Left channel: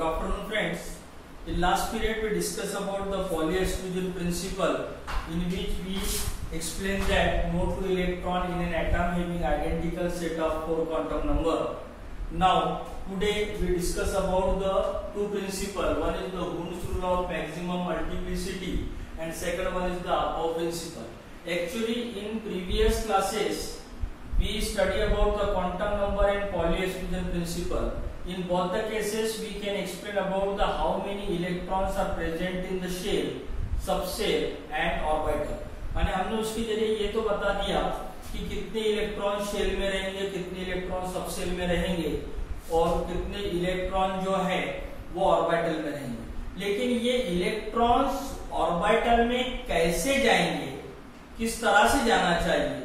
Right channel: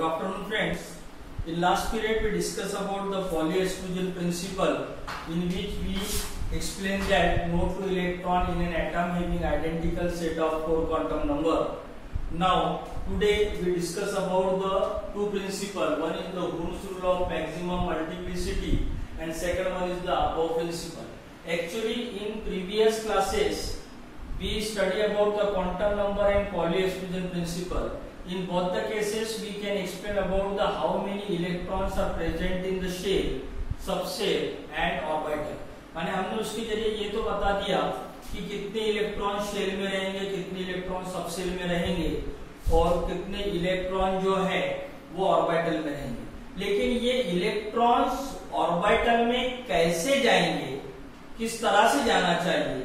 Good afternoon, friends. In last period, we discussed about the Pauli exclusion principle, in which we explained that no two electron in an atom having identical set of 4 quantum number. Now, today we discuss about the two principles. One is the Hund's rule of maximum multiplicity, and second one is the above principle. Actually, in previous classes, we study about the quantum number and Pauli exclusion principle. In both the cases, we can explain about the how many electrons are present in the shell, subshell and orbital. माने हमने उसके जरिए ये तो बता दिया कि कितने इलेक्ट्रॉन शेल में रहेंगे, कितने इलेक्ट्रॉन सबशेल में रहेंगे और कितने इलेक्ट्रॉन जो है वो ऑर्बिटल में रहेंगे। लेकिन ये इलेक्ट्रॉन्स ऑर्बिटल में कैसे जाएंगे, किस तरह से जाना चाहिए,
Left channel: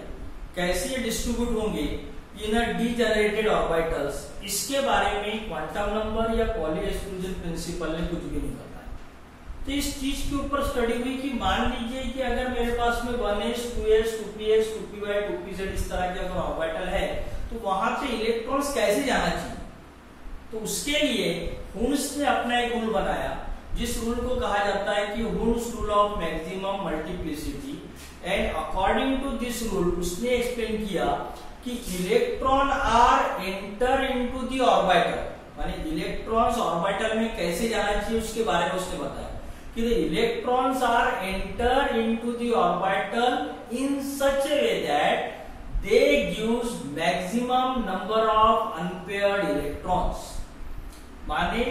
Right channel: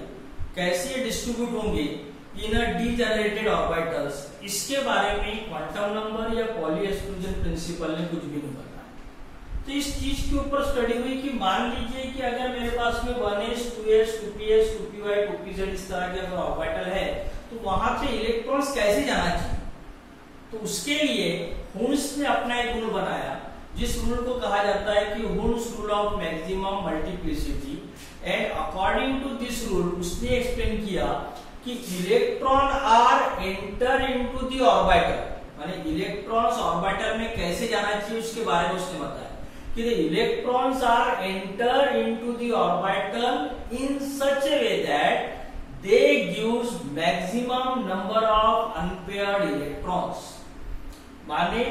कैसे ये डिस्ट्रीब्यूट होंगे इन डीजेनरेटेड ऑर्बिटल्स, इसके बारे में क्वांटम नंबर या पॉली एक्सक्लूजन प्रिंसिपल ने कुछ भी नहीं बताया। तो इस चीज के ऊपर स्टडी हुई कि मान लीजिए कि अगर मेरे पास में 1s, 2s, 2px, 2py, 2pz इस तरह के अगर ऑर्बिटल है तो वहां पे इलेक्ट्रॉन्स कैसे जाना चाहिए। तो उसके लिए हुन्स ने अपना एक रूल बनाया, जिस रूल को कहा जाता है कि Hund's rule of maximum multiplicity. And according to this rule उसने एक्सप्लेन किया कि electron are enter into the orbital, माने इलेक्ट्रॉन्स ऑर्बिटल में कैसे जाना चाहिए उसके बारे में उसने बताया कि the electrons are enter into the orbital in such a way that they gives maximum number of unpaired electrons. माने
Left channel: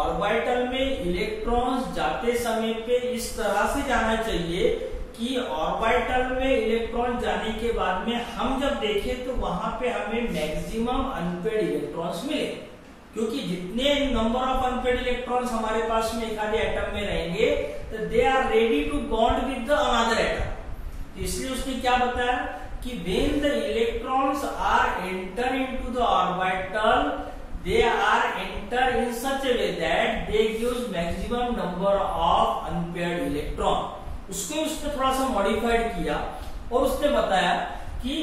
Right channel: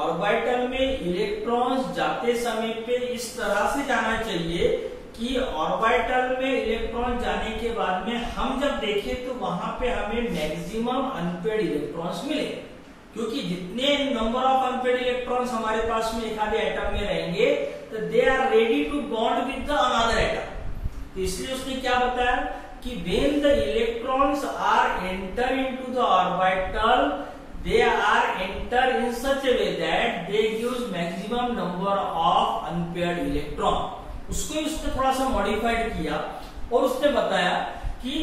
ऑर्बिटल में इलेक्ट्रॉन्स जाते समय पे इस तरह से जाना चाहिए कि ऑर्बिटल में इलेक्ट्रॉन जाने के बाद में हम जब देखें तो वहां पे हमें मैक्सिमम अनपेयर्ड इलेक्ट्रॉन्स मिले, क्योंकि जितने नंबर ऑफ अनपेयर्ड इलेक्ट्रॉन्स हमारे पास में एक आधे एटम में रहेंगे तो they are ready to bond with the another atom. इसलिए उसने क्या बताया कि when the electrons are enter into the orbital they are enter in such a way that they gives maximum number of unpaired electron। उसको उसने थोड़ा सा modified किया और उसने बताया कि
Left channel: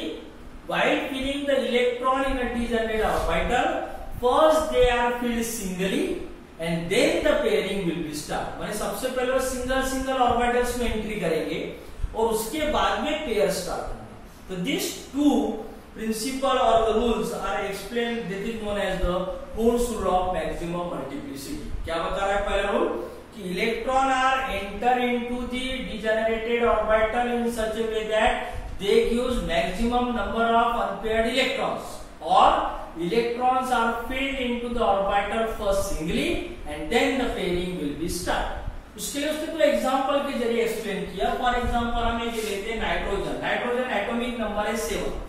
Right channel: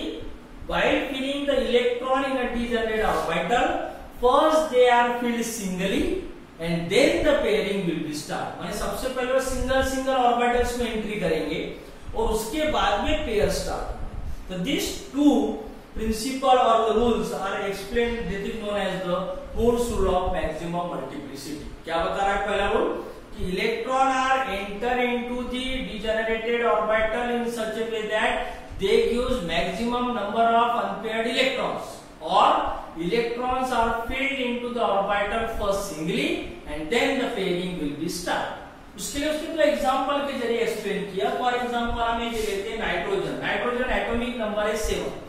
while filling the electron in a degenerate orbital, first they are filled singly and then the pairing will be start। माने सबसे पहले वो सिंगल ऑर्बिटल्स में एंट्री करेंगे और उसके बाद में पेयर स्टार्ट होगा। तो this to principle or the rules are explained, that is known as the Hund's rule of maximum multiplicity। क्या बता रहा है पहला रूल कि electron are enter into the degenerated orbital in such a way that they gives maximum number of unpaired electrons, और electrons are filled into the orbital first singly and then the pairing will be start. उसके लिए उसने तो example के जरिए explain किया। For example हम ये लेते हैं नाइट्रोजन एटॉमिक नंबर है 7।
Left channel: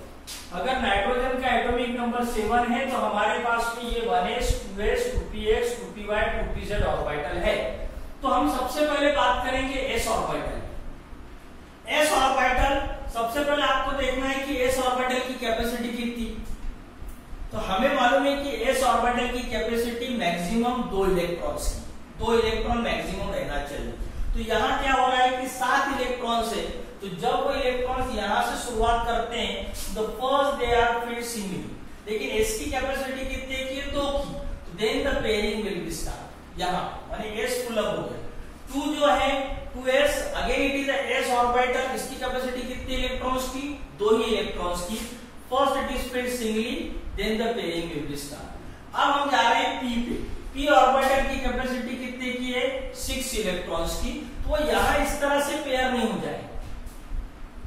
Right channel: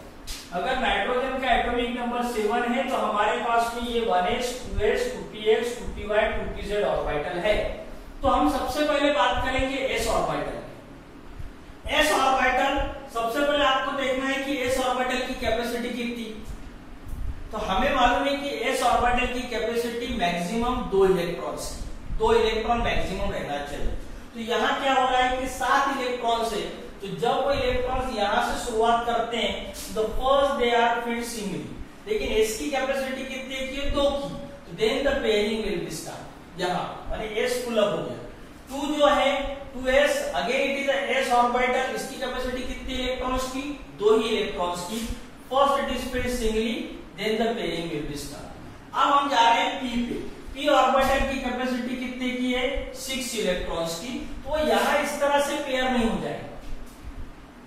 अगर नाइट्रोजन का एटॉमिक नंबर 7 है तो हमारे पास में ये 1s, 2s, 2px, 2py, 2pz orbital है। तो हम सबसे पहले बात करेंगे s ऑर्बिटल। s ऑर्बिटल सबसे पहले आपको देखना है कि s ऑर्बिटल की कैपेसिटी कितनी। तो हमें मालूम है कि s ऑर्बिटल की कैपेसिटी मैक्सिमम 2 इलेक्ट्रॉन्स की, 2 इलेक्ट्रॉन मैक्सिमम रहना चाहिए। तो यहाँ क्या हो रहा है कि 7 इलेक्ट्रॉन से, तो जब वो इलेक्ट्रॉन्स यहां से शुरुआत करते हैं तो first they are filled singly, लेकिन s की कैपेसिटी कितनी की है 2 की, तो then the pairing will be start. यहां माने s फुल अप हो गया। 2 जो है 2s, again it is a s orbital, इसकी कैपेसिटी कितनी इलेक्ट्रॉन्स की, 2 ही इलेक्ट्रॉन्स की। First it is filled singly, then the pairing will be start. अब हम जा रहे हैं p पे। p ऑर्बिटल की कैपेसिटी कितने की है 6 इलेक्ट्रॉन्स की, तो यहां इस तरह से पेयर नहीं हो जाएगा।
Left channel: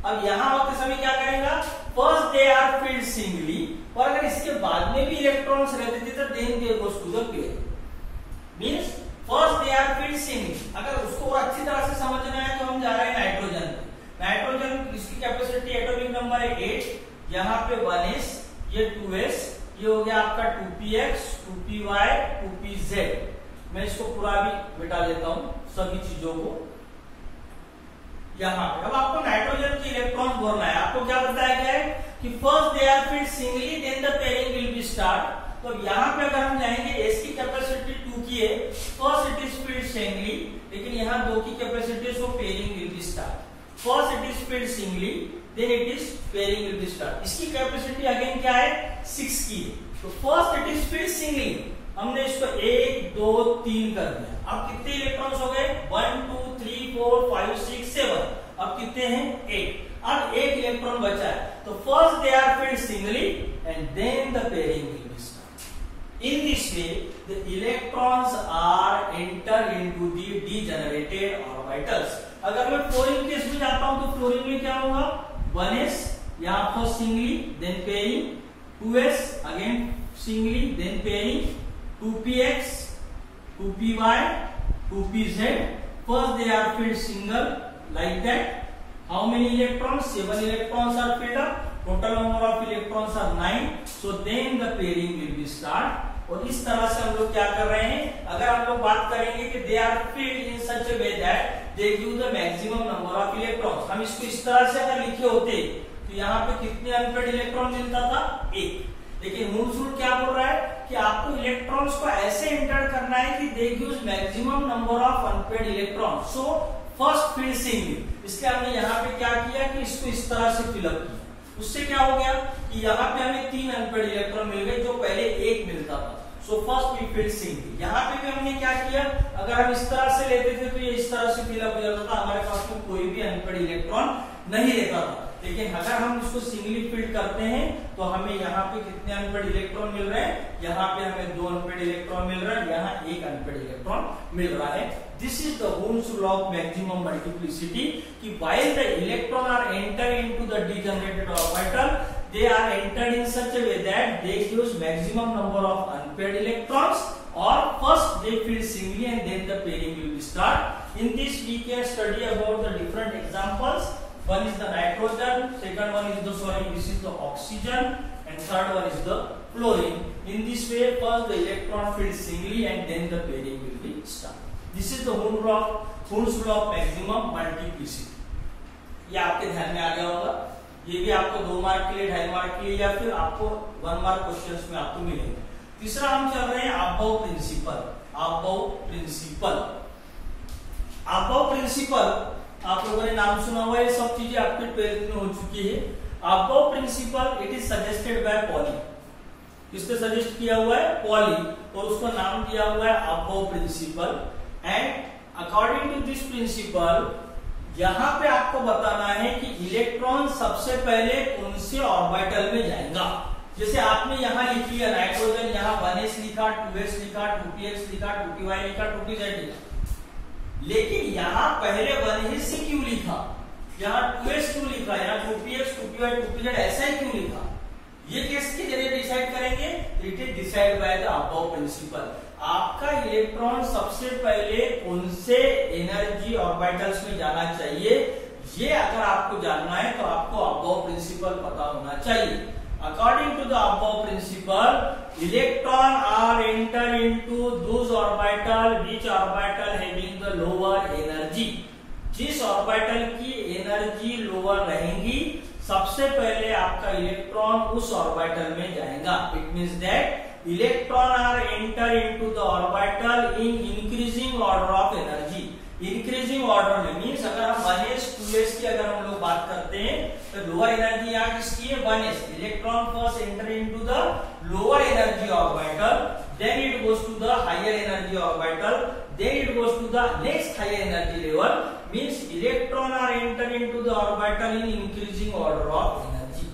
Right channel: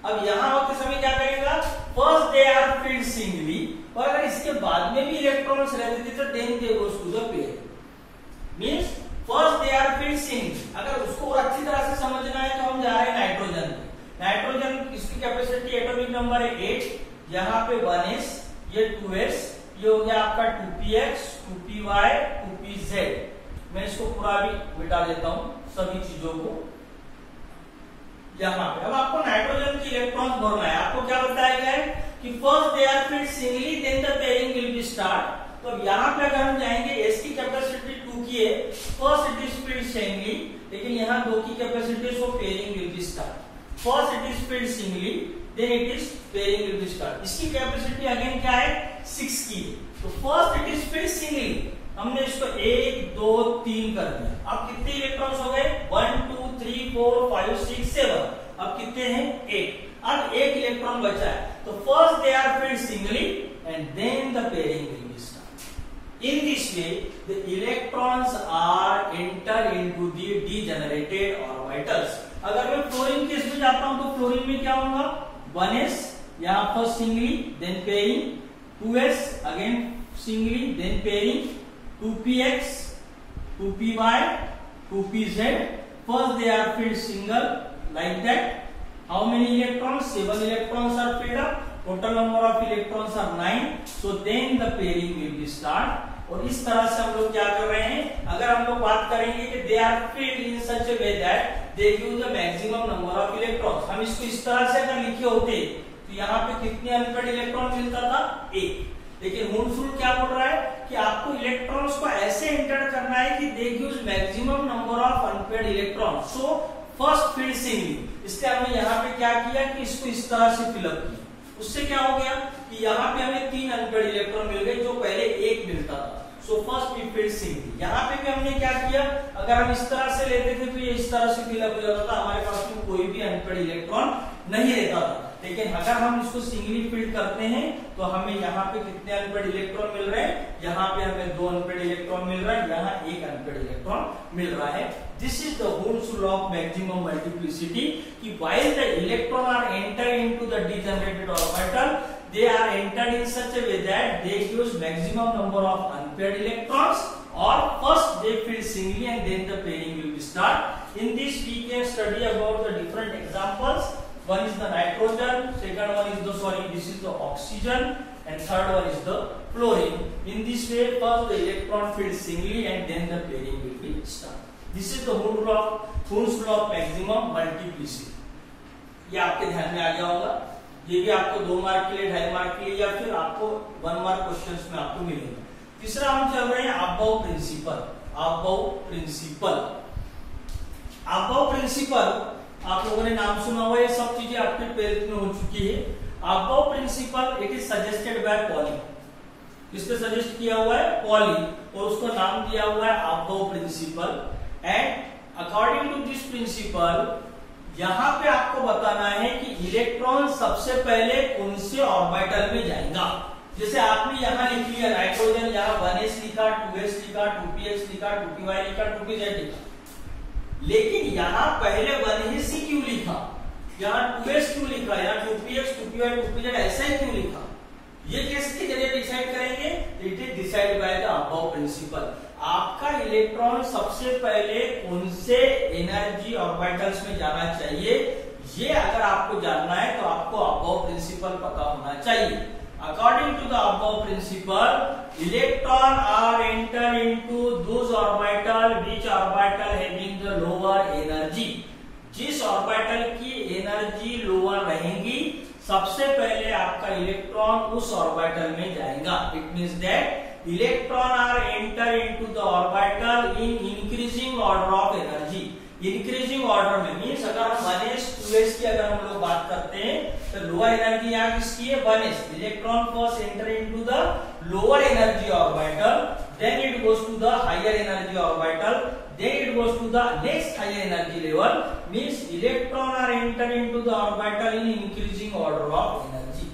अब यहां होते समय क्या करेगा, first they are filled singly, और अगर इसके बाद में भी इलेक्ट्रॉन्स रहते थे तो then they goes to the pair. Means first they are filled singly. अगर उसको और अच्छी तरह से समझना है तो हम जा रहे हैं नाइट्रोजन। इसकी कैपेसिटी एटॉमिक नंबर है 8, यहाँ पे 1s, ये 2s, ये हो गया आपका 2px, 2py, 2pz। मैं इसको पूरा भी मिटा देता हूं सभी चीजों को यहाँ पे। अब आपको नाइट्रोजन की इलेक्ट्रॉन भरना है। आपको क्या बताया गया है कि first they are filled singly, then the pairing will be start. तो यहाँ पे अगर हम जाएंगे s की कैपेसिटी 2 की है, first it is filled singly, लेकिन यहाँ 2 की capacity, so pairing will be start. First it is filled singly, then it is pairing will be start. इसकी कैपेसिटी अगेन क्या है 6 की है, तो first it is filled singly, हमने इसको 1 2 3 कर दिया। अब कितने इलेक्ट्रॉन्स हो गए? 1 2 3 4 5 6 7। अब कितने हैं? 8। अब एक इलेक्ट्रॉन बचा है, तो first they are filled singly and then the pairing will be started. In this way, the electrons are enter into the degenerated orbitals. अगर मैं फ्लोरीन केस में जाता हूं तो फ्लोरीन में क्या होगा? 1s यहाँ first singly, then pairing, 2s again singly, then pairing, 2px, 2py, 2pz. First they are filled single like that. How many electrons? 7 electrons are filled up. Total number of electrons are 9. So then the pairing will be start. और इस तरह से हम लोग क्या कर रहे हैं? अगर हम लोग बात करेंगे कि they are filled in such a way that they give the maximum number of electrons. हम इसको इस तरह से अगर लिखे होते तो यहाँ पे कितने अनपेड इलेक्ट्रॉन मिलता था? 1। लेकिन मून्स रूल क्या बोल रहा है कि आपको इलेक्ट्रॉन्स को ऐसे एंटर करना है कि they gives maximum number of unpaired electrons. So first field singly, इसलिए हमने यहाँ पे क्या किया कि इसको इस तरह से फिलअप किया। उससे क्या हो गया कि यहाँ पे हमें 3 अनपेड इलेक्ट्रॉन मिल गए जो पहले 1 मिलता था। So first we filled singly. यहाँ पे भी हमने क्या किया, अगर हम इस तरह से लेते थे तो ये इस तरह से फिलअप हो जाता था, हमारे पास में कोई भी अनपेड इलेक्ट्रॉन नहीं रहता था। लेकिन अगर हम इसको सिंगली फील्ड करते हैं तो हमें यहाँ पे कितने अनपेड इलेक्ट्रॉन मिल रहे हैं? यहाँ पे हमें 2 अनपेड इलेक्ट्रॉन मिल रहा है, यहाँ 1 अनपेड इलेक्ट्रॉन मिल रहा है। This is the Ohm's law of maximum multiplicity कि while the electron are entered into the degenerated orbital, they are entered in such a way that they gives maximum number of unpaired electrons, or first they fill singly and then the pairing will be start. In this we can study about the different examples. One is the nitrogen, second one is this is the oxygen, and third one is the fluorine. In this way, first the electron filled singly and then the pairing will be start. This is the Ohm's law of maximum multiplicity. ये आपके ध्यान में आ गया होगा। ये भी आपको 2 mark के लिए, 2.5 मार्क के लिए, या फिर आपको 1 मार्क क्वेश्चंस में आपको मिलेगा। तीसरा हम चल रहे हैं अबव प्रिंसिपल। अबव प्रिंसिपल आप लोगों ने नाम सुना हुआ, ये सब चीजें आपके ट्वेल्थ में हो चुकी है। Aufbau principal it is suggested by poly. किसने सजेस्ट किया हुआ है? पॉली, और उसको नाम दिया हुआ है aufbau principle. And according to this principle यहां पे आपको बताना है कि इलेक्ट्रॉन सबसे पहले कौन से ऑर्बिटल में जाएगा। जैसे आपने यहां लिख लिया नाइट्रोजन, यहाँ 1s लिखा, 2s लिखा, 2px लिखा, 2py लिखा, 2pz लिखा, लेकिन यहाँ पहले 1s ही क्यों लिखा, यहाँ 2s क्यों लिखा, यहाँ 2px, 2py, 2pz ऐसा ही क्यों लिखा? ये किसके जरिए डिसाइड करेंगे? It is decide by the aufbau principle. आपका इलेक्ट्रॉन सबसे पहले कौन से एनर्जी ऑर्बिटल्स में जाना चाहिए, ये अगर आपको जानना है तो आपको अबव प्रिंसिपल पता होना चाहिए। According to the above principle, electron are enter into those orbital which orbital having the lower energy. जिस ऑर्बिटल की एनर्जी लोअर रहेगी सबसे पहले आपका इलेक्ट्रॉन उस ऑर्बिटल में जाएगा। It means that electron are enter into the orbital in increasing order of energy. Increasing order में मीन्स अगर हम 1s 2s की अगर हम लोग बात करते हैं तो लोअर एनर्जी यहाँ किसकी है? 1s। Electron first enter into the lower energy orbital, then it goes to the higher energy orbital, then it goes to the next higher energy level. Means electron are enter into the orbital in increasing order of energy.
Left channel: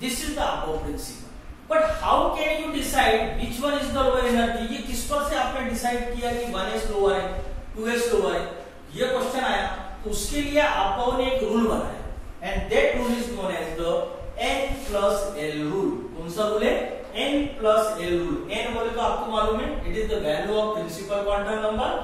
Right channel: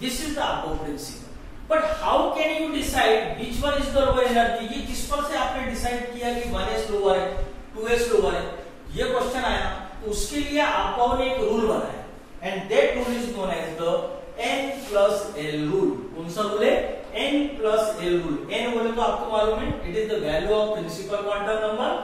This is the above principle. But how can you decide which one is the lower energy? ये किस पर से आपने decide किया कि 1s lower है, 2s lower है? ये क्वेश्चन आया तो उसके लिए आपको ने एक रूल बनाया, and that rule is known as the n plus l rule. कौन सा रूल है? n plus l rule. n बोले तो आपको मालूम है it is the value of principal quantum number,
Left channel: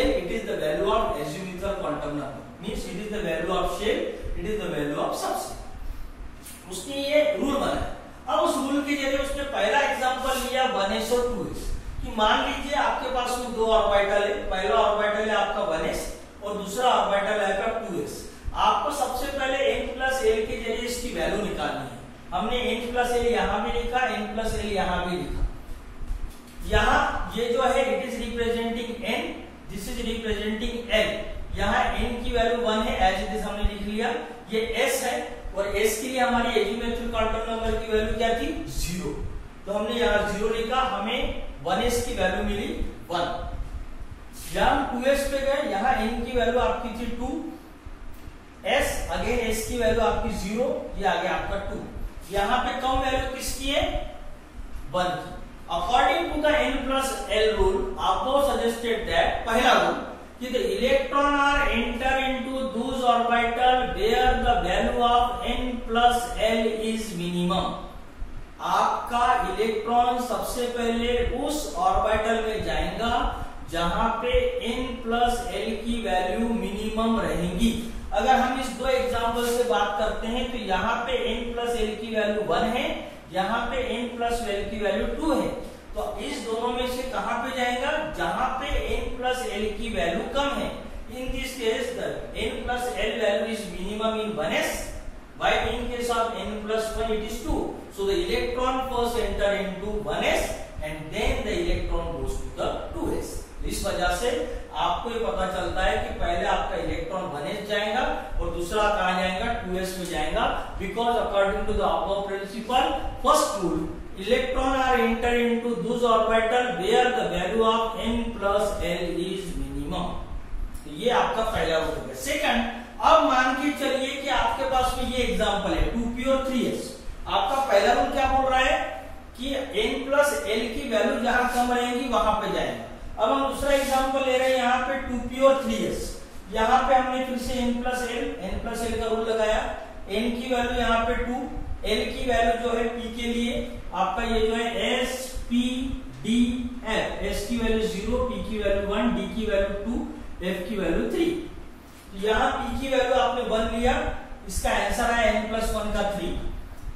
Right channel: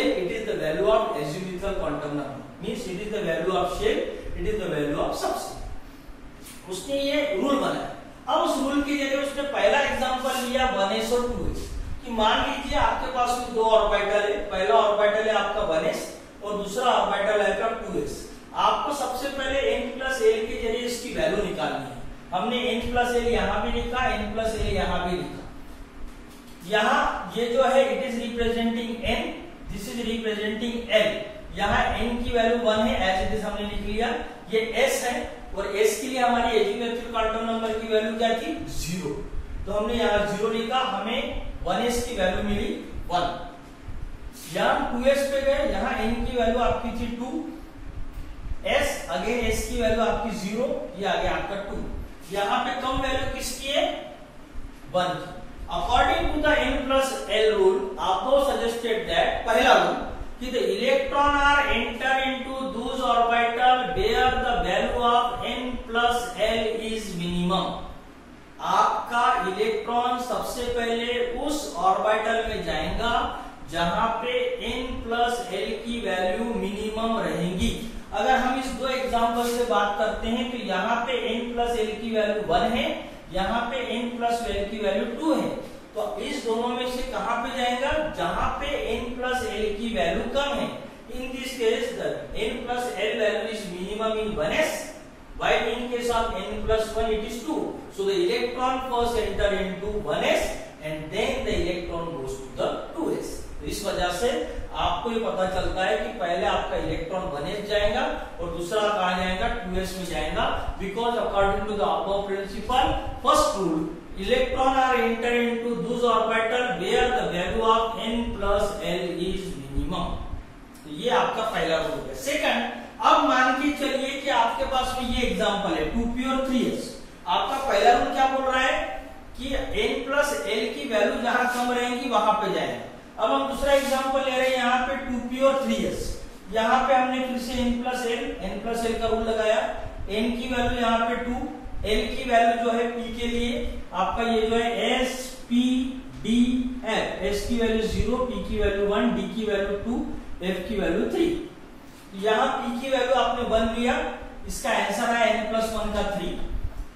l it is the value of azimuthal quantum number, means it is the value of shape, it is the value of substance. उसने ये rule बनाया। अब उस rule के जरिए उसने पहला example लिया 1s और 2s कि मान लीजिए आपके पास में 2 ऑर्बिटल है, पहला ऑर्बिटल है आपका 1s और दूसरा ऑर्बिटल है आपका 2s। आपको सबसे पहले n plus l के जरिए इसकी वैल्यू निकालनी है। हमने n plus l यहां भी लिखा, n plus l यहां भी लिखा। यहां ये जो है it is representing n, this is representing l। यहां n की वैल्यू 1 है, एज इट इज हमने लिख लिया। ये s है और s के लिए हमारी एजिमुथल क्वांटम नंबर की वैल्यू क्या थी? 0। तो हमने यहां 0 लिखा। हमें 1s की वैल्यू मिली 1। यहाँ 2s पे गए, यहाँ n की वैल्यू आपकी थी 2s, अगेन s की वैल्यू आपकी 0, ये आ गया आपका 2। यहाँ पे कम वैल्यू किसकी है? 1 की। According to the n plus l rule, आपको सजेस्टेड दैट, पहला रूल कि the electron are enter into those orbital where the value of n plus l is minimum। आपका इलेक्ट्रॉन सबसे पहले उस ऑर्बिटल में जाएगा जहां पे n प्लस l की वैल्यू मिनिमम रहेंगी। अगर हम इस दो एग्जांपल से बात करते हैं तो यहाँ पे n प्लस l की वैल्यू 1 है, यहाँ पे n प्लस l की वैल्यू 2 है। तो इस दोनों में से कहां पे जाएगा? जहां पे n प्लस l की वैल्यू कम है। In this case the n plus l value is minimum in 1s, while in case of n plus 1 it is 2. So the electron first enter into 1s and then the electron goes to the 2s. इस वजह से आपको ये पता चलता है कि पहले आपका इलेक्ट्रॉन 1s जाएगा और दूसरा कहां जाएगा? 2s में जाएगा। Because according to the aufbau principle, first rule, electron are enter into those orbital where the value of n plus l is minimum। तो ये आपका पहला रूल है। सेकंड, अब मान के चलिए कि आपके पास में ये एग्जांपल है 2p और 3s। आपका पहला रूल क्या बोल रहा है कि n प्लस l की वैल्यू जहां कम रहेगी वहां पे जाएगा। अब हम दूसरा एग्जांपल ले रहे हैं यहाँ पे 2p और 3s। यहाँ पे हमने फिर से n प्लस l का रूल लगाया। n की वैल्यू यहाँ पे 2, l की वैल्यू जो है p के लिए आपका ये जो है s p d f, s की वैल्यू 0, p की वैल्यू 1, d की वैल्यू 2, f की वैल्यू 3। यहाँ p की वैल्यू आपने 1 लिया, इसका आंसर है n प्लस 1 का 3।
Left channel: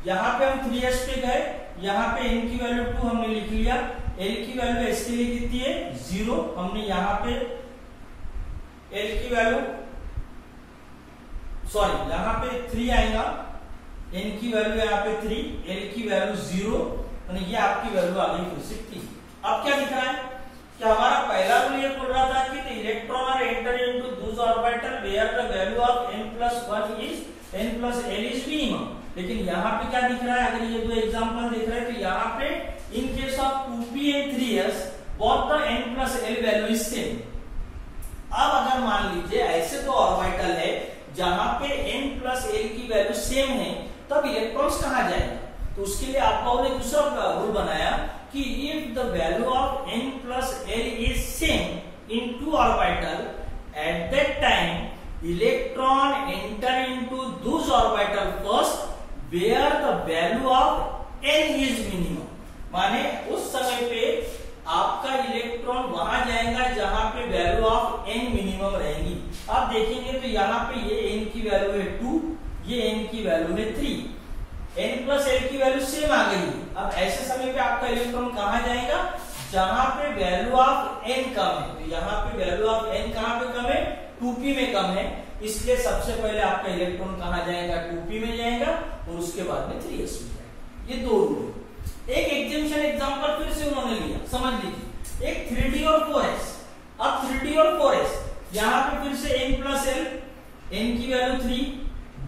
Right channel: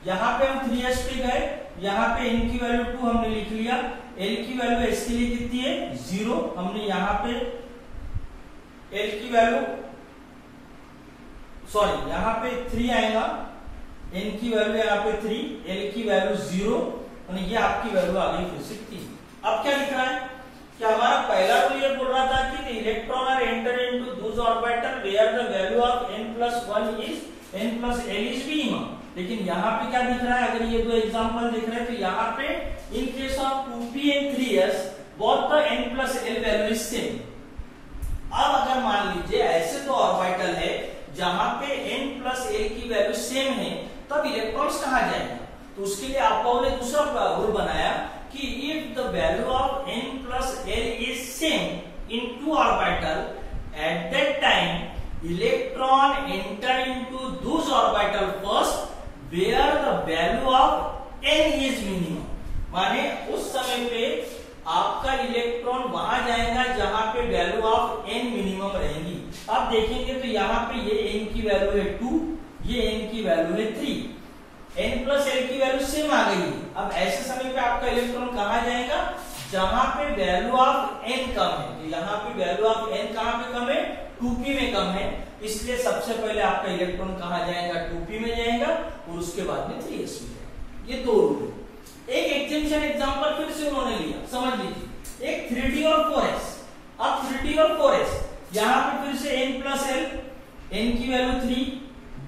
यहाँ पे हम 3s पे गए, यहाँ पे n की वैल्यू 2 हमने लिख लिया, l की वैल्यू s के लिए कितनी है? 0। हमने यहाँ पे l की वैल्यू यहाँ पे 3 आएगा, n की वैल्यू यहाँ पे 3, l की वैल्यू 0 और ये आपकी वैल्यू आ गई फिर से 3। अब क्या दिख रहा है कि हमारा पहला रूल ये बोल रहा था कि electron are enter into those orbital where the value of n plus l is minimum. लेकिन यहाँ पे क्या दिख रहा है? अगर ये दो एग्जांपल दिख रहे हैं तो यहाँ पे in case of 2p and 3s both the n plus l value is same. अब अगर मान लीजिए ऐसे तो ऑर्बिटल है जहां पे n प्लस l की वैल्यू सेम है, तब इलेक्ट्रॉन्स कहां जाएंगे? तो उसके लिए आपको ने दूसरा रूल बनाया कि if the value of n plus l is same in two orbital, at that time electron enter into those orbital first where the value of n is minimum. माने उस समय पे आपका इलेक्ट्रॉन वहां जाएगा जहां पे वैल्यू ऑफ n मिनिमम रहेंगी। आप देखेंगे तो यहाँ पे ये n की वैल्यू है 2, ये n की वैल्यू है 3, n प्लस l की वैल्यू सेम आ गई। अब ऐसे समय पे आपका इलेक्ट्रॉन कहां जाएगा? जहां पे वैल्यू ऑफ n कम है। तो यहाँ पे वैल्यू ऑफ n कहां पे कम है? 2p में कम है, इसलिए सबसे पहले आपका इलेक्ट्रॉन कहां जाएगा? 2p में जाएगा और उसके बाद में 3s में जाएगा। ये दो रूल है। एक एग्जाम्पल फिर से उन्होंने लिया, समझ लीजिए, एक 3d और 4s। अब 3d और 4s यहाँ पे फिर से n प्लस l, n की वैल्यू 3,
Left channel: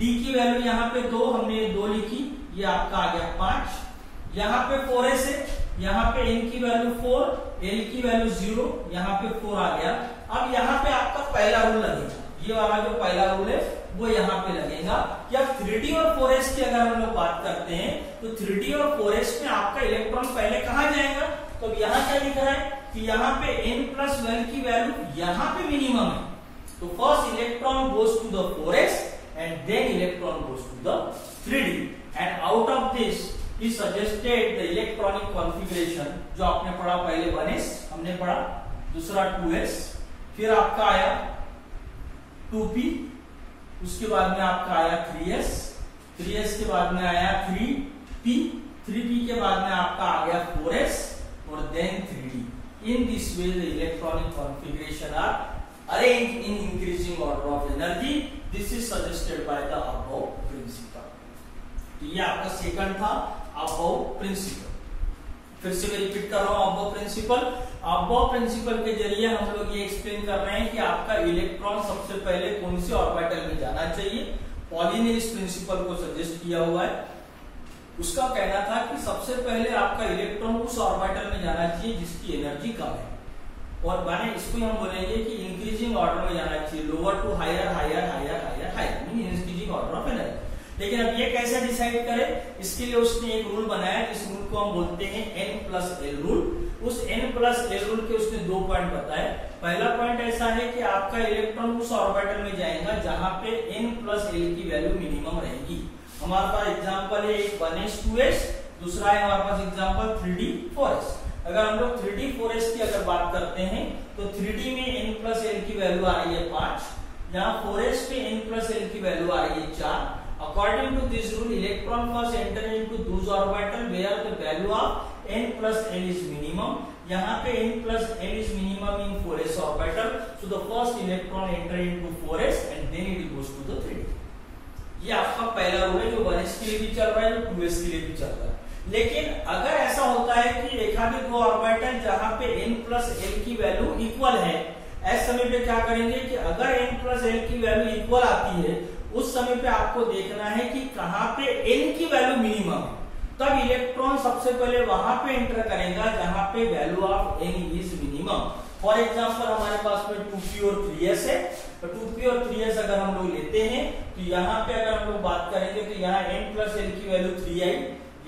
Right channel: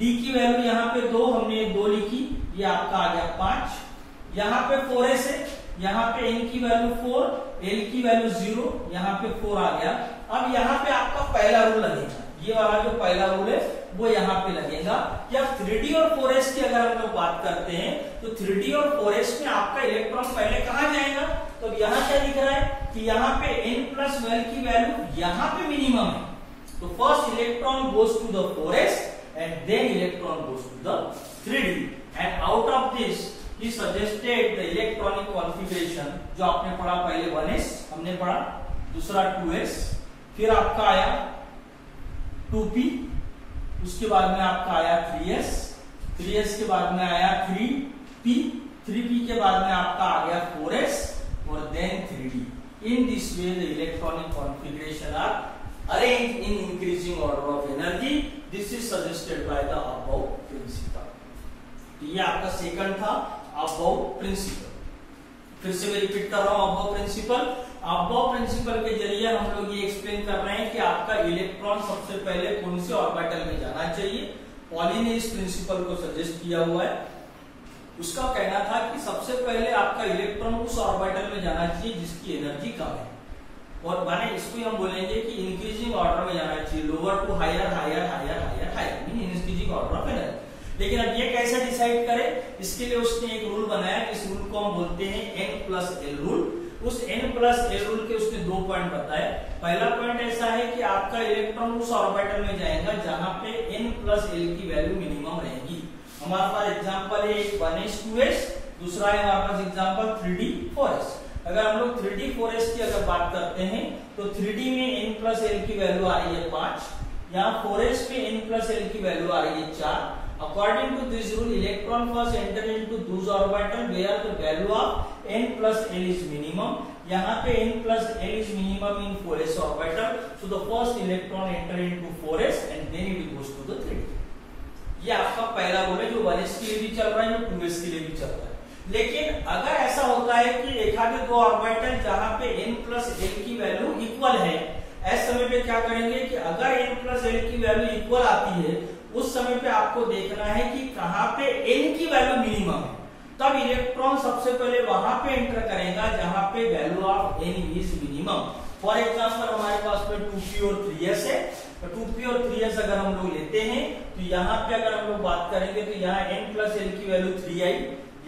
d की वैल्यू यहाँ पे 2, हमने 2 लिखी, ये आपका आ गया 5। यहाँ पे 4s है, यहाँ पे n की वैल्यू 4, l की वैल्यू 0, यहाँ पे 4 आ गया। अब यहाँ पे आपका पहला रूल लगेगा, ये वाला जो पहला रूल है वो यहाँ पे लगेगा कि अब 3d और 4s की अगर हम लोग बात करते हैं तो 3d और 4s में आपका इलेक्ट्रॉन पहले कहां जाएगा? तो यहाँ क्या दिख रहा है कि यहाँ पे n प्लस l की वैल्यू यहाँ पे मिनिमम है। तो first electron goes to the 4s and then electron goes to the 3d and out of this he suggested the electronic configuration जो आपने पढ़ा पहले 1s हमने पढ़ा, दूसरा 2s, फिर आपका आया 2p, उसके बाद में आपका आया 3s, 3s के बाद में आया 3p, 3p के बाद में आपका आ गया 4s और then 3d। In this way the electronic configuration are arranged in increasing order of energy. This is suggested by the above principle। ये आपका सेकंड था अबव प्रिंसिपल। फिर से मैं रिपीट कर रहा हूं अबव प्रिंसिपल। अबव प्रिंसिपल के जरिए हम लोग ये एक्सप्लेन कर रहे हैं कि आपका इलेक्ट्रॉन सबसे पहले कौन से ऑर्बिटल में जाना चाहिए। पॉली ने इस प्रिंसिपल को सजेस्ट किया हुआ है। उसका कहना था कि सबसे पहले आपका इलेक्ट्रॉन उस ऑर्बिटल में जाना चाहिए जिसकी एनर्जी कम है, और माने इसको हम बोलेंगे कि इंक्रीजिंग ऑर्डर में जाना चाहिए, lower to higher higher higher higher higher mean increasing order of energy. लेकिन अब ये कैसे डिसाइड करें, इसके लिए उसने एक रूल बनाया, इस रूल को हम बोलते हैं N+L रूल। उस N+L रूल के उसने 2 पॉइंट बताए। पहला पॉइंट ऐसा है कि आपका इलेक्ट्रॉन उस ऑर्बिटल में जाएगा जहां पे N+L की वैल्यू मिनिमम रहेगी। हमारे पास एग्जांपल है एक 1s2s, दूसरा है हमारे पास एग्जांपल 3d4s। अगर हम लोग 3d4s की अगर बात करते हैं तो 3d में N+L की वैल्यू आ रही है 5, यहाँ 4s पे N+L की वैल्यू आ रही है 4। According to this rule, electron first enter into those orbital where the value of N+L is minimum. यहाँ पे N+L is minimum in 4s orbital, so the first electron enter into 4s and then it goes to the 3d. ये आपका पहला rule है जो 1s के लिए भी चल रहा है, जो 2s के लिए भी चल रहा है। लेकिन अगर ऐसा होता है कि एक आधे 2 ऑर्बिटल जहां पे N+L की वैल्यू इक्वल है, ऐसे समय पे क्या करेंगे कि अगर N+L की वैल्यू इक्वल आती है उस समय पे आपको देखना है कि कहां पे N की वैल्यू मिनिमम है, तब इलेक्ट्रॉन सबसे पहले वहां पे एंटर करेगा जहां पे value of N is minimum. For example हमारे पास में 2p और 3s है, तो 2p और 3s अगर हम लोग लेते हैं तो यहाँ पे अगर हम लोग बात करेंगे तो यहाँ N+L की वैल्यू 3 आई,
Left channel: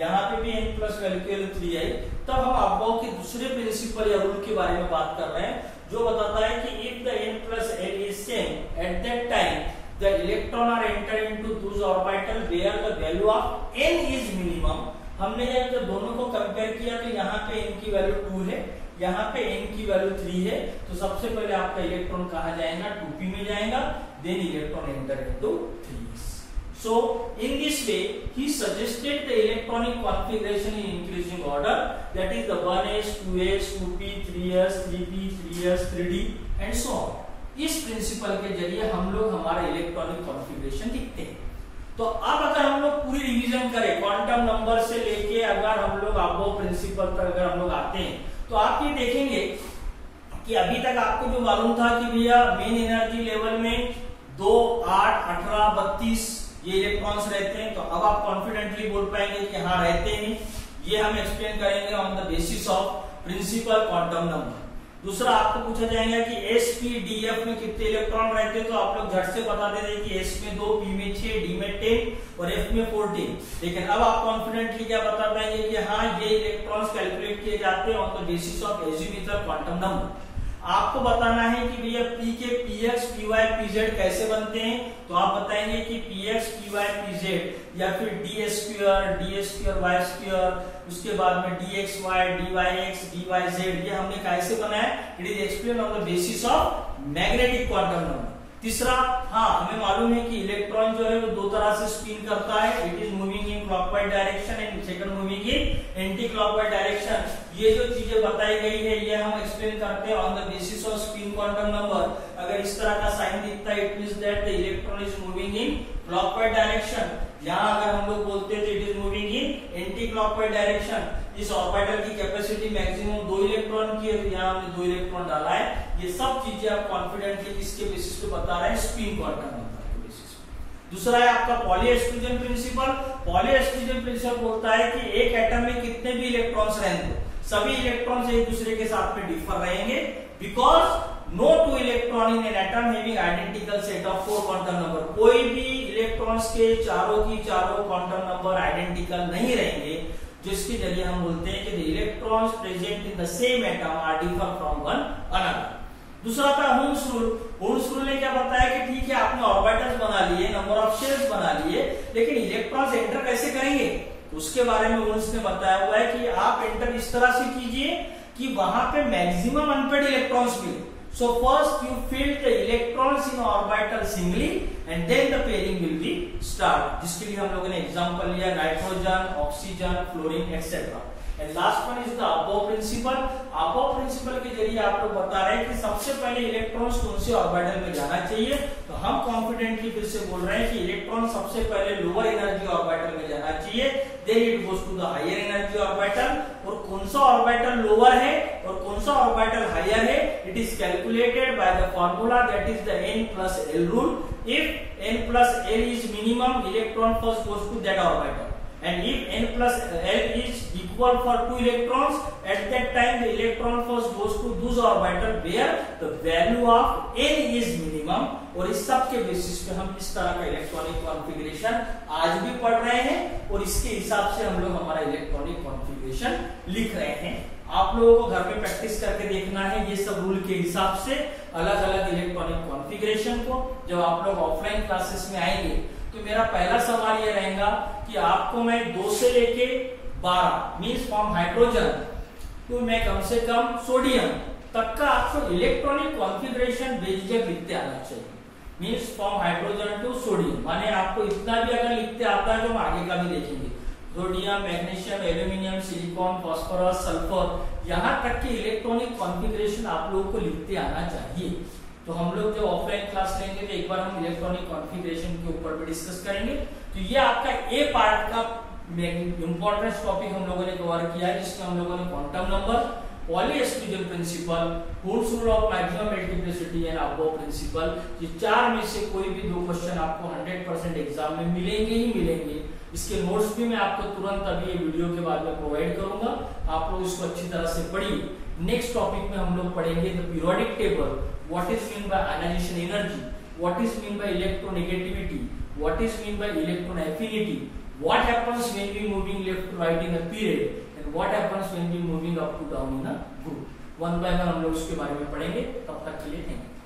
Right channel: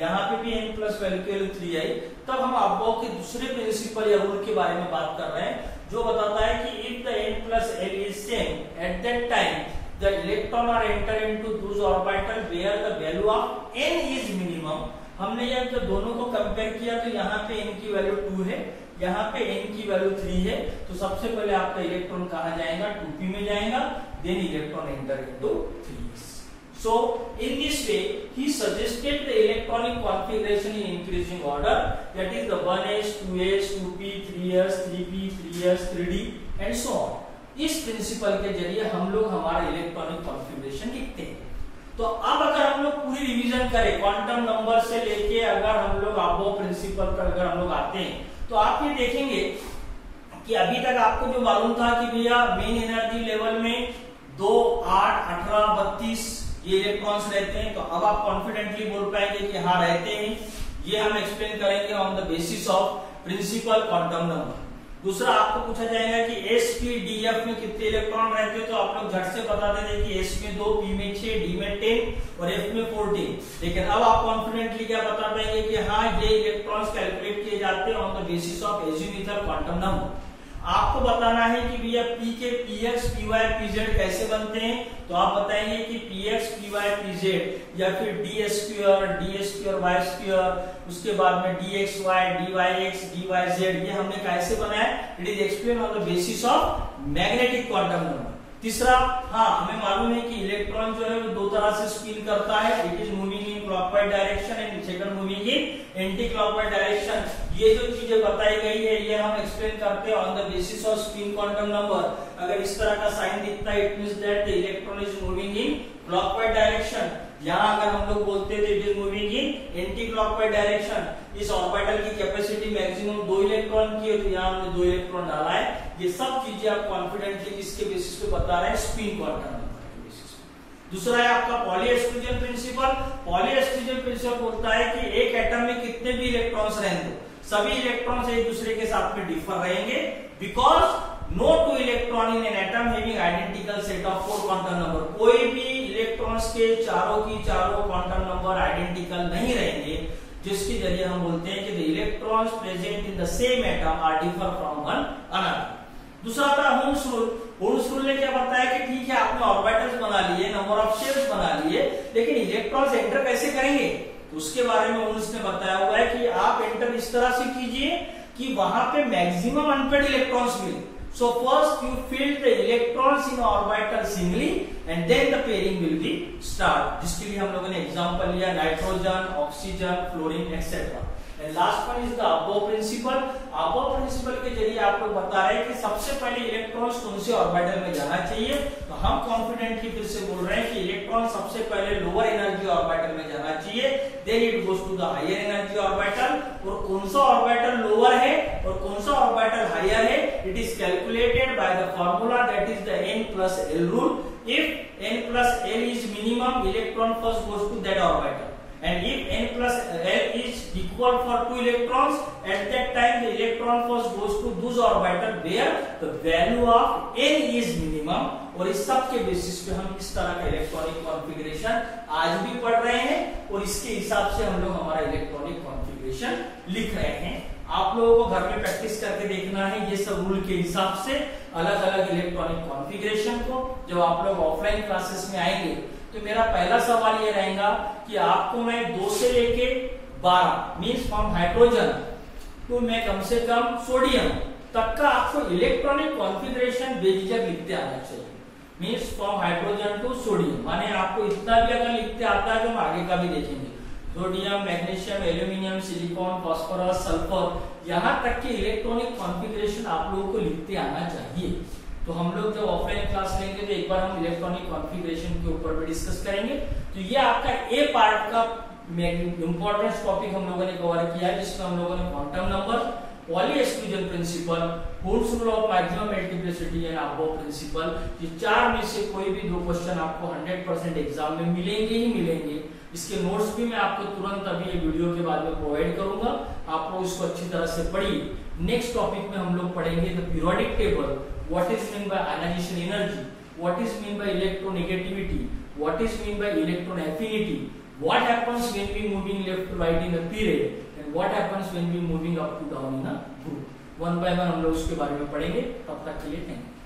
यहाँ पे भी N+L की वैल्यू 3 आई। तब हम अबव के दूसरे प्रिंसिपल या रूल के बारे में बात कर रहे हैं जो बताता है कि if the N+L is same at that time the electron are enter into those orbital where the value of N is minimum। हमने जब दोनों को कंपेयर किया तो यहाँ पे N की वैल्यू 2 है, यहाँ पे N की वैल्यू 3 है, तो सबसे पहले आपका इलेक्ट्रॉन कहाँ जाएगा, 2p में जाएगा, then electron enter into 3s। So in this way he suggested the electronic configuration in increasing order, that is the 1s, 2s, 2p, 3s, 3p, 3s, 3d and so on। इस principal के जरिए हम लोग हमारा electronic configuration लिखते हैं। तो अब अगर हम लोग पूरी रिवीजन करें क्वांटम नंबर से लेके अगर हम लोग अबव प्रिंसिपल तक अगर हम लोग आते हैं तो आप ये देखेंगे कि अभी तक आपको जो मालूम था कि भैया मेन एनर्जी लेवल में 2, 8, 18, 32 ये इलेक्ट्रॉन्स रहते हैं, तो अब आप कॉन्फिडेंटली बोल पाएंगे कि हाँ रहते हैं। ये हम एक्सप्लेन करेंगे on the basis of principal quantum number. दूसरा आपको पूछा जाएगा कि sp df में कितने इलेक्ट्रॉन रहते हैं, तो आप लोग झट से बता दे कि s में 2, p में 6, d में 10 और f में 14। लेकिन अब आप कॉन्फिडेंटली क्या बता पाएंगे कि हाँ ये इलेक्ट्रॉन्स कैलकुलेट किए जाते हैं on the basis of azimuthal quantum number. आपको बताना है कि भैया p के px, py, pz कैसे बनते हैं, तो आप बताएंगे कि px, py, pz या फिर d² y स्क्वायर, उसके बाद में dxy, dyx, dyz ये हमने कैसे बनाया, it is explain on the basis of magnetic quantum number. तीसरा, हाँ हमें मालूम है कि इलेक्ट्रॉन जो है वो 2 तरह से स्पिन करता है, it is moving in clockwise direction and second moving in anti clockwise direction. ये जो चीजें बताई गई है ये हम एक्सप्लेन करते हैं on the basis off spin quantum number. अगर इस तरह का साइन दिखता है it means that the electron is moving in clockwise direction. यहाँ अगर हम लोग बोलते थे it is moving in anti clockwise direction. इस ऑर्बिटल की कैपेसिटी मैक्सिमम 2 इलेक्ट्रॉन की है, तो यहाँ हमने 2 इलेक्ट्रॉन डाला है। ये सब चीजें आप कॉन्फिडेंटली किसके बेसिस पे बता रहे हैं, स्पिन क्वांटम नंबर के बेसिस पे। दूसरा है आपका poly exclusion principal. Poly exclusion principal बोलता है कि एक एटम में कितने भी इलेक्ट्रॉन्स रहेंगे सभी इलेक्ट्रॉन्स एक दूसरे के साथ में डिफर रहेंगे, because no 2 electron in an atom having identical set of 4 quantum number. कोई भी इलेक्ट्रॉन्स के चारों की चारों क्वांटम नंबर आइडेंटिकल नहीं रहेंगे, जिसके जरिए हम बोलते हैं कि the electrons present in the same atom are differ from one another. दूसरा था हुन्स रूल। हुन्स रूल ने क्या बताया कि ठीक है आपने ऑर्बिटल्स बना लिए, नंबर ऑफ शेल्स बना लिए, लेकिन इलेक्ट्रॉन्स एंटर कैसे करेंगे, तो उसके बारे में हुन्स ने बताया हुआ है कि आप एंटर इस तरह से कीजिए कि वहां पे मैक्सिमम अनपेड इलेक्ट्रॉन्स मिले। So first you fill the electrons in orbital singly and then the pairing will be start, जिसके लिए हम लोगों ने एग्जांपल लिया nitrogen, oxygen, fluorine etcetera. And last one is the aufbau principle. Aufbau principle के जरिए आप लोग बता रहे हैं कि सबसे पहले इलेक्ट्रॉन्स कौन से ऑर्बिटल में जाना चाहिए, तो हम कॉन्फिडेंटली फिर से बोल रहे हैं कि इलेक्ट्रॉन सबसे पहले लोअर एनर्जी ऑर्बिटल में जाना चाहिए, then it goes to the higher energy orbital. और कौन सा ऑर्बिटल लोअर है और कौन सा ऑर्बिटल हायर है, it is calculated by the formula that is the N+L rule. If N+L is minimum, electron first goes to that orbital. and if n plus l is equal for 2 electrons, at that time the electron first goes to those orbital where the value of n is minimum, और इस सब के basis पे हम इस तरह का electronic configuration आज भी पढ़ रहे हैं और इसके हिसाब से हम लोग हमारा इलेक्ट्रॉनिक कॉन्फ़िगरेशन लिख रहे हैं। आप लोगों को घर में प्रैक्टिस करके देखना है ये सब रूल के हिसाब से अलग अलग इलेक्ट्रॉनिक कॉन्फ़िगरेशन को। जब आप लोग ऑफलाइन क्लासेस में आएंगे तो मेरा पहला सवाल ये रहेगा कि आपको मैं 2 से लेके 12 मीन्स फ्रॉम हाइड्रोजन टू मैं कम से कम सोडियम तक का आपको इलेक्ट्रॉनिक कॉन्फ़िगरेशन बेझिझक लिखते आना चाहिए। Means from hydrogen to sodium, माने आपको इतना भी अगर लिखते आता है तो हम आगे का भी देखेंगे। Sodium, magnesium, aluminium, silicon, phosphorus, sulphur, यहाँ तक के इलेक्ट्रॉनिक कॉन्फ़िगरेशन आप लोगों को लिखते आना चाहिए। तो हम लोग जब ऑफलाइन क्लास लेंगे तो एक बार हम इलेक्ट्रॉनिक कॉन्फ़िगरेशन के ऊपर भी डिस्कस करेंगे। तो ये आपका ए पार्ट का इंपॉर्टेंट टॉपिक हम लोगों ने कवर किया है, जिसमें हम लोगों ने quantum number, Pauli exclusion principle, होल्स rule of maximum multiplicity and aufbau principle, ये 4 में से कोई भी 2 क्वेश्चन आपको 100% एग्जाम में मिलेंगे ही मिलेंगे। इसके नोट्स भी मैं आपको तुरंत अभी ये वीडियो के बाद में प्रोवाइड करूंगा, आप लोग इसको अच्छी तरह से पढ़िए। नेक्स्ट टॉपिक में हम लोग पढ़ेंगे the periodic table, what is mean by ionisation energy, what is mean by electronegativity, what is mean by electron affinity, what happens when we moving left to right in a period and what happens when we moving up to down in a group। 1 by 1 हम लोग इसके बारे में पढ़ेंगे। तब तक के लिए थैंक यू।